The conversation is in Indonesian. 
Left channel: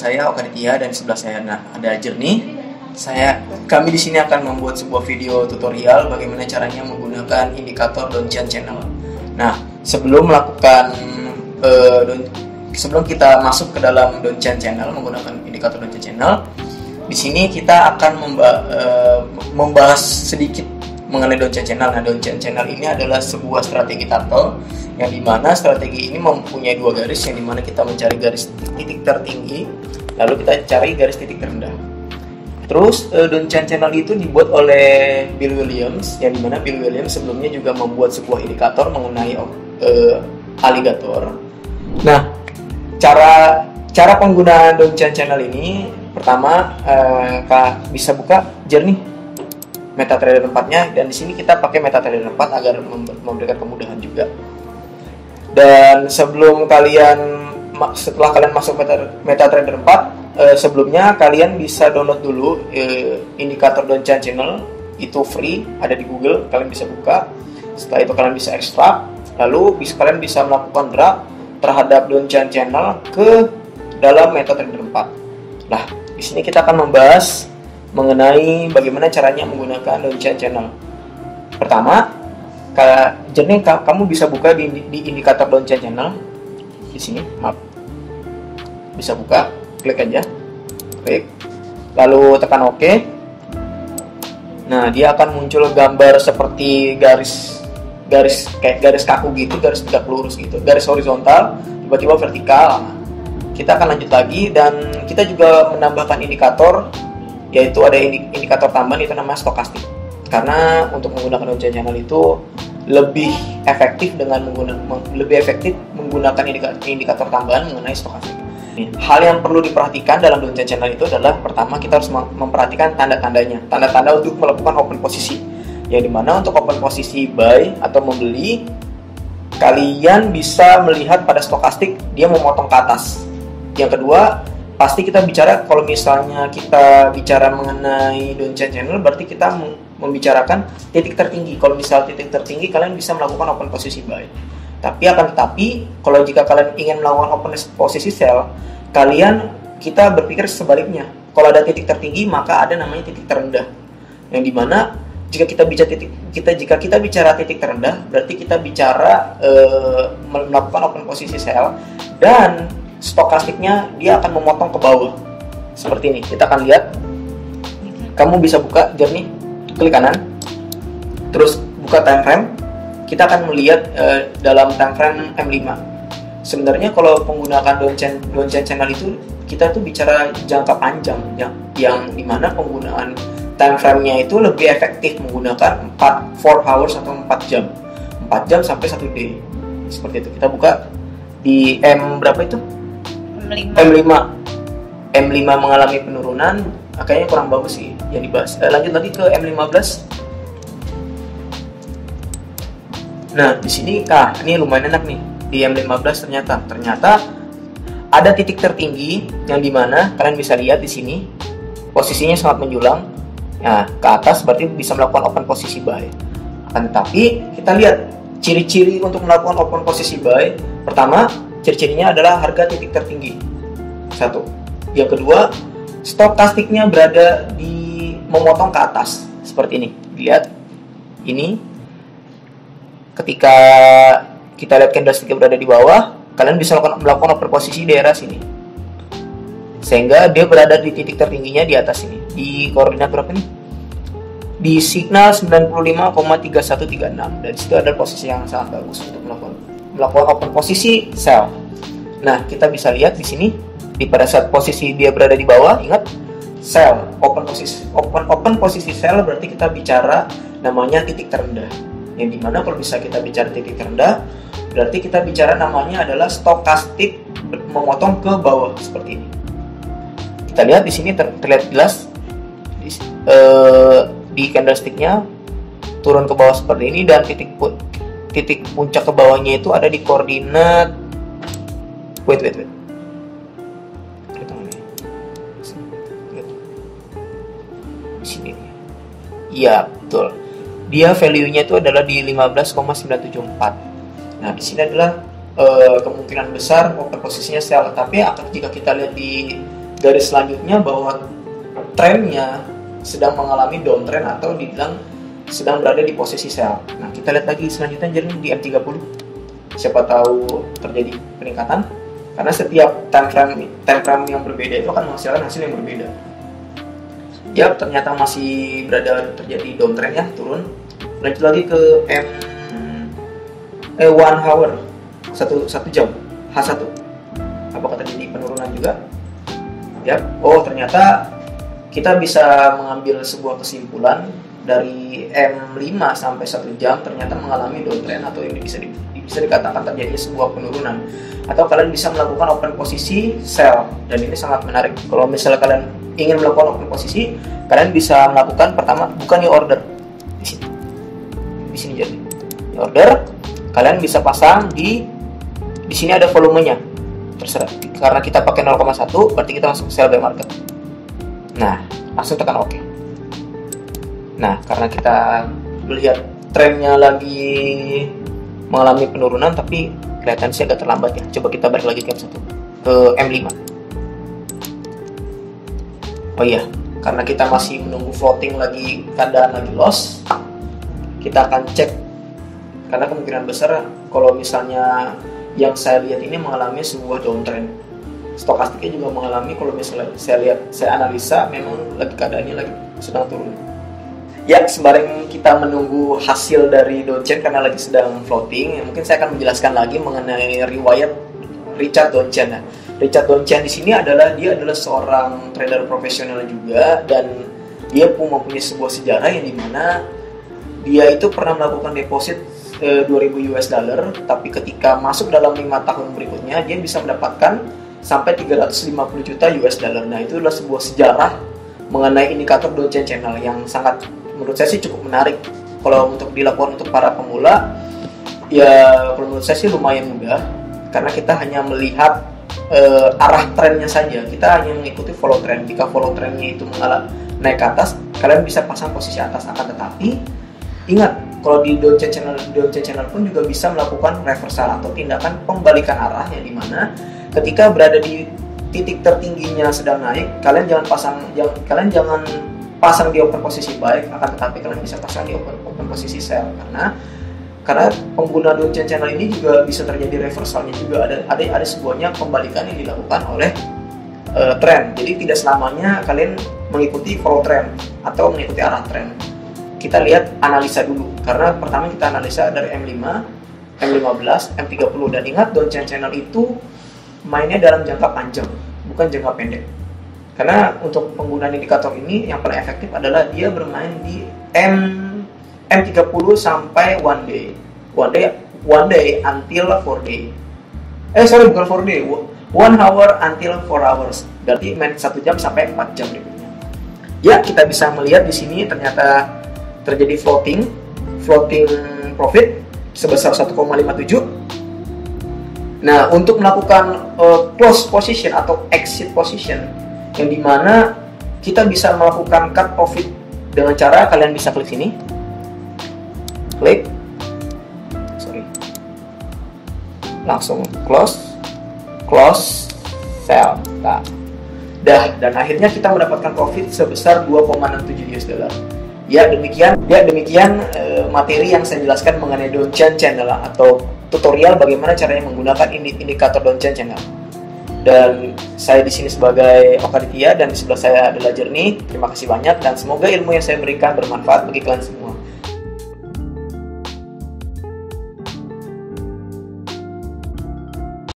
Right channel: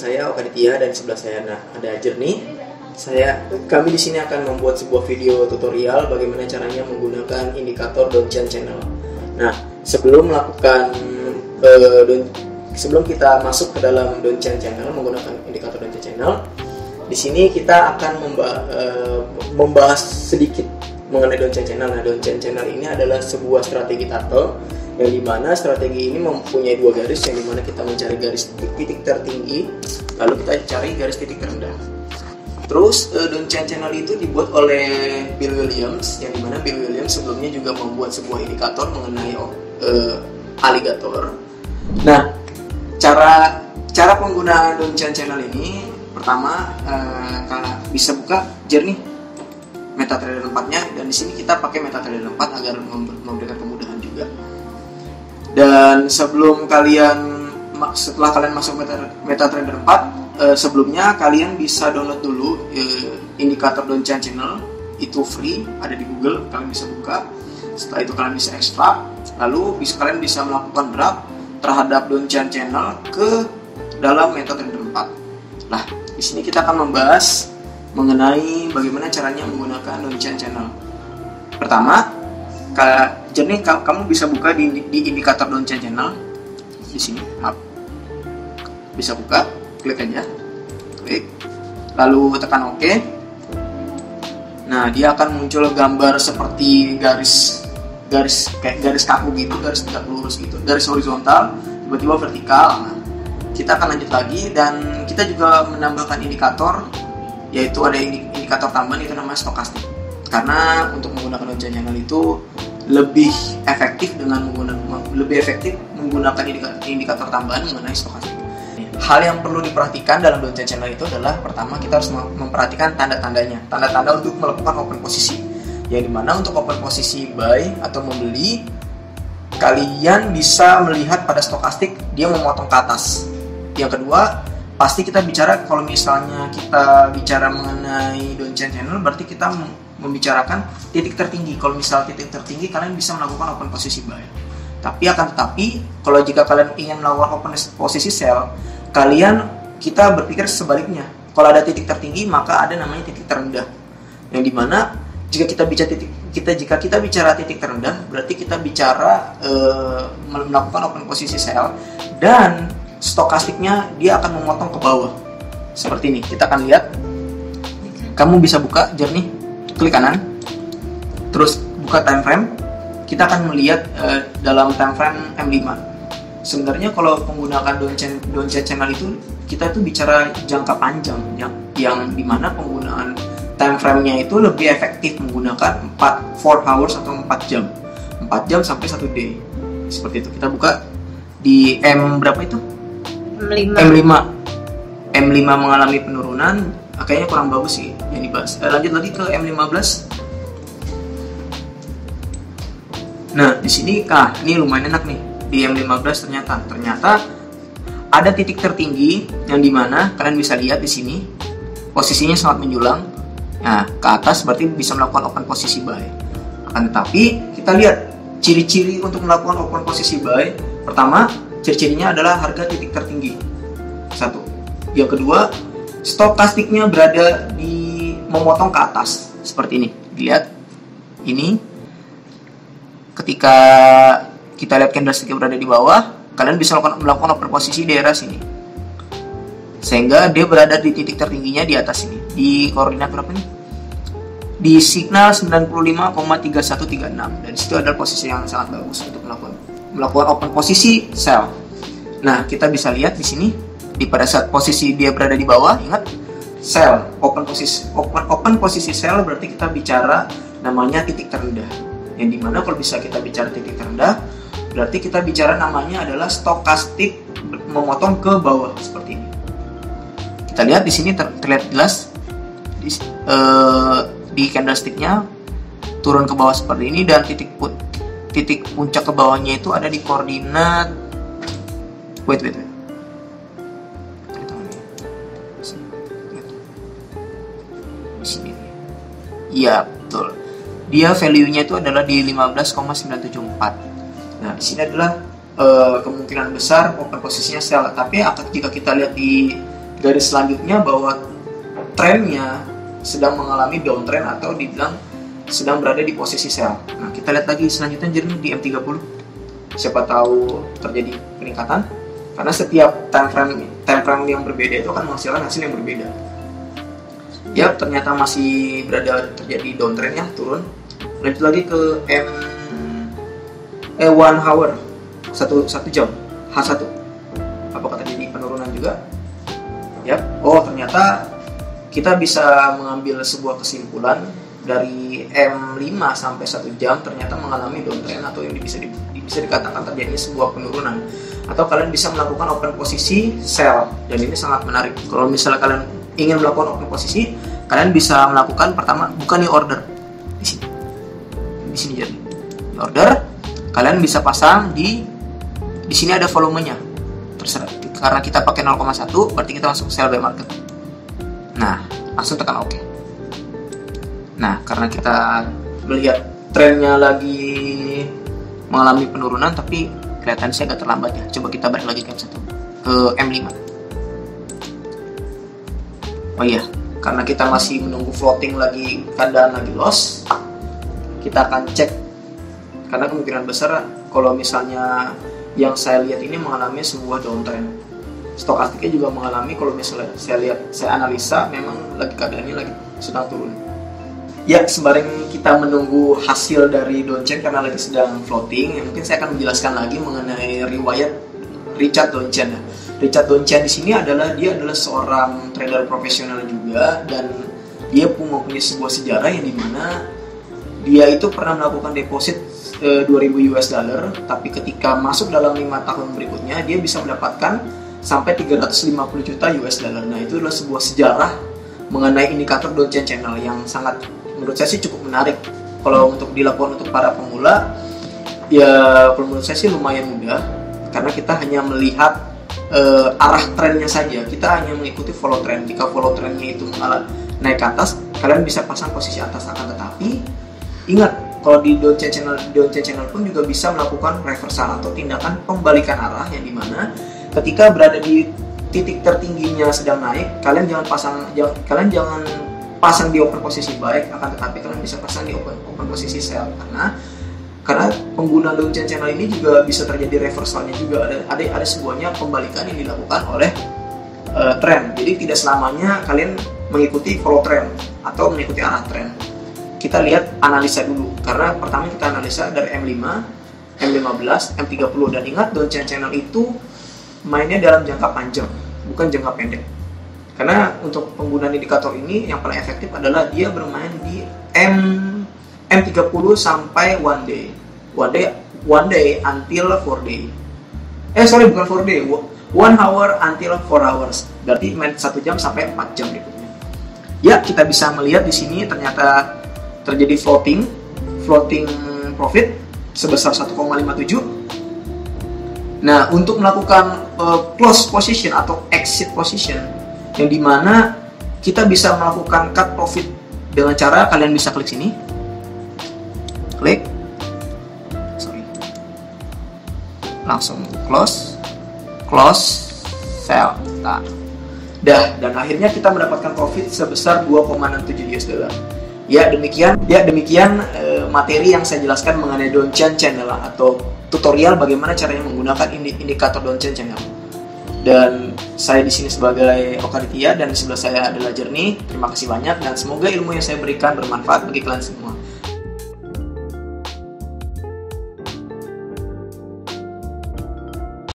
saya Okaditya dan sebelah saya ada Jernih. Kami di sini akan membuat sebuah video tutorial bagaimana caranya menggunakan indikator Donchian Channel. Nah, sebelum kita masuk ke dalam Donchian Channel menggunakan indikator Donchian Channel, di sini kita akan membahas sedikit mengenai Donchian Channel. Nah, Donchian Channel ini adalah sebuah strategi turtle yang dimana strategi ini mempunyai dua garis, yang dimana kita mencari garis titik tertinggi lalu kita cari garis titik terendah. Terus Donchian Channel itu dibuat oleh Bill Williams, yang dimana Bill Williams sebelumnya juga membuat sebuah indikator mengenai aligator. Nah, cara penggunaan Donchian Channel ini pertama bisa buka Jernih MetaTrader 4-nya, dan di sini kita pakai MetaTrader 4 agar memberikan kemudahan juga. Dan setelah kalian masuk MetaTrader 4, sebelumnya kalian bisa download dulu indikator Donchian Channel, itu free, ada di Google, kalian bisa buka. Setelah itu kalian bisa ekstrak, lalu kalian bisa melakukan drag terhadap Donchian Channel ke dalam MetaTrader 4. Nah, di sini kita akan membahas mengenai bagaimana caranya menggunakan Donchian Channel. Pertama, Jernih, kamu bisa buka di indikator Donchian Channel di sini, bisa buka, klik aja, lalu tekan OK. Nah, dia akan muncul gambar seperti garis kaku gitu, garis tegak lurus gitu, garis horizontal, tiba-tiba vertikal. Nah, kita akan lanjut lagi, dan kita juga menambahkan indikator, yaitu ada indikator tambahan, itu namanya stokastik. Karena untuk menggunakan Donchian Channel itu lebih efektif menggunakan indikator tambahan mengenai stokastik. Hal yang perlu diperhatikan dalam Donchian Channel itu adalah, pertama, kita harus memperhatikan tanda-tandanya, tanda-tanda untuk melakukan open posisi, yang dimana untuk open posisi buy atau membeli, kalian bisa melihat pada stokastik dia memotong ke atas. Yang kedua, pasti kalau misalnya kita bicara mengenai Donchian Channel, berarti kita membicarakan titik tertinggi. Kalau misal titik tertinggi, kalian bisa melakukan open posisi buy. Tetapi kalau jika kalian ingin melakukan open posisi sell, kita berpikir sebaliknya. Kalau ada titik tertinggi, maka ada namanya titik terendah. Yang dimana jika kita bicara titik terendah, berarti kita bicara melakukan open posisi sell, dan stokastiknya dia akan memotong ke bawah seperti ini. Kita akan lihat, kamu bisa buka Jernih, klik kanan, terus buka time frame. Kita akan melihat dalam time frame M5. Sebenarnya kalau menggunakan Donchian Channel itu, kita tuh bicara jangka panjang, yang dimana penggunaan time frame-nya itu lebih efektif menggunakan 4 hours atau 4 jam sampai 1 day. Seperti itu. Kita buka di M berapa itu? M5 mengalami penurunan, kayaknya kurang bagus sih yang dibahas. Lanjut lagi ke M15. Nah, di sini ini lumayan enak nih. Di M15 ternyata ada titik tertinggi, yang dimana kalian bisa lihat di sini posisinya sangat menjulang. Nah, ke atas berarti bisa melakukan open posisi buy. Akan tetapi kita lihat ciri-ciri untuk melakukan open posisi buy. Pertama, ciri-cirinya adalah harga titik tertinggi. Satu. Yang kedua, stokastiknya berada di memotong ke atas seperti ini. Dilihat ini, ketika kita lihat candlesticknya berada di bawah, kalian bisa melakukan open posisi di daerah sini, sehingga dia berada di titik tertingginya di atas ini. Di koordinat berapa nih? Di signal 95,3136, dan situ adalah posisi yang sangat bagus untuk melakukan open posisi sell. Nah, kita bisa lihat di sini, pada saat posisi dia berada di bawah, ingat, sell, open posisi sell, berarti kita bicara namanya titik terendah. Yang dimana kalau bisa kita bicara titik terendah, berarti kita bicara namanya adalah stokastik memotong ke bawah seperti ini. Kita lihat di sini terlihat jelas di candlesticknya turun ke bawah seperti ini, dan titik puncak ke bawahnya itu ada di koordinat wait. Di sini. Iya, betul. Dia value-nya itu adalah di 15,974. Nah, di sini adalah kemungkinan besar open posisinya sell. Tapi jika kita lihat di garis selanjutnya bahwa trennya sedang mengalami downtrend atau dibilang sedang berada di posisi sell. Nah, kita lihat lagi selanjutnya jernih di M30. Siapa tahu terjadi peningkatan, karena setiap time frame yang berbeda itu akan menghasilkan hasil yang berbeda. Ya, ternyata masih berada terjadi downtrend ya, turun. Lanjut lagi ke one hour, satu jam, H1. Apakah terjadi penurunan juga? Ya, oh ternyata kita bisa mengambil sebuah kesimpulan dari M5 sampai 1 jam ternyata mengalami downtrend, atau yang bisa dikatakan terjadi sebuah penurunan. Atau kalian bisa melakukan open posisi sell, dan ini sangat menarik. Kalau misalnya kalian ingin melakukan open posisi, kalian bisa melakukan pertama, bukan di order di sini jadi order, kalian bisa pasang di sini ada volumenya, terserah. Karena kita pakai 0,1 berarti kita langsung sell buy market. Nah, langsung tekan OK. Nah, karena kita melihat trennya lagi mengalami penurunan, tapi kelihatan sih agak terlambat ya. Coba kita balik lagi ke M1, ke M5. Oh iya, karena kita masih menunggu floating lagi, keadaan lagi loss, kita akan cek. Karena kemungkinan besar kalau misalnya yang saya lihat ini mengalami sebuah downtrend, stokastiknya juga mengalami, kalau misalnya saya analisa memang lagi keadaannya lagi sedang turun. Ya, sembari kita menunggu hasil dari downtrend karena lagi sedang floating, mungkin saya akan menjelaskan lagi mengenai riwayat Richard Donchen. Richard Donchen di sini dia adalah seorang trader profesional juga, dan dia pun mempunyai sebuah sejarah yang dimana dia itu pernah melakukan deposit 2.000 US dollar, tapi ketika masuk dalam 5 tahun berikutnya dia bisa mendapatkan sampai 350 juta US dollar. Nah, itu adalah sebuah sejarah mengenai indikator Donchen Channel yang sangat, menurut saya sih cukup menarik. Kalau untuk dilakukan untuk para pemula, ya kalau menurut saya sih lumayan mudah, karena kita hanya melihat arah trennya saja. Kita hanya mengikuti follow trend. Jika follow trendnya itu naik ke atas, kalian bisa pasang posisi atas. Akan tetapi ingat, kalau di Donchen Channel pun juga bisa melakukan reversal atau tindakan pembalikan arah, yang dimana ketika berada di titik tertingginya sedang naik, kalian jangan pasang di open posisi buy, akan tetapi kalian bisa pasang di open posisi sell, karena pengguna Donchen Channel ini juga bisa terjadi reversalnya juga, ada sebuahnya pembalikan yang dilakukan oleh tren. Jadi tidak selamanya kalian mengikuti follow trend atau mengikuti arah tren. Kita lihat analisa dulu, karena pertama kita analisa dari M5, M15, M30, dan ingat Donchen Channel itu mainnya dalam jangka panjang, bukan jangka pendek. Karena untuk penggunaan indikator ini yang paling efektif adalah dia bermain di M30 sampai one day until 4 day. Bukan 4 day, 1 hour until 4 hours. Berarti main 1 jam sampai 4 jam berikutnya. Ya, kita bisa melihat di sini ternyata terjadi floating profit sebesar 1,57. Nah, untuk melakukan close position atau exit position, yang dimana kita bisa melakukan cut profit dengan cara kalian bisa klik sini, langsung close, sell. Nah, dan akhirnya kita mendapatkan profit sebesar 2,67 US dollar. Ya demikian materi yang saya jelaskan mengenai Donchen Channel atau tutorial bagaimana caranya menggunakan indikator Donchen Channel. Dan saya di sini sebagai Okaditya, dan di sebelah saya adalah Jernih. Terima kasih banyak, dan semoga ilmu yang saya berikan bermanfaat bagi kalian semua.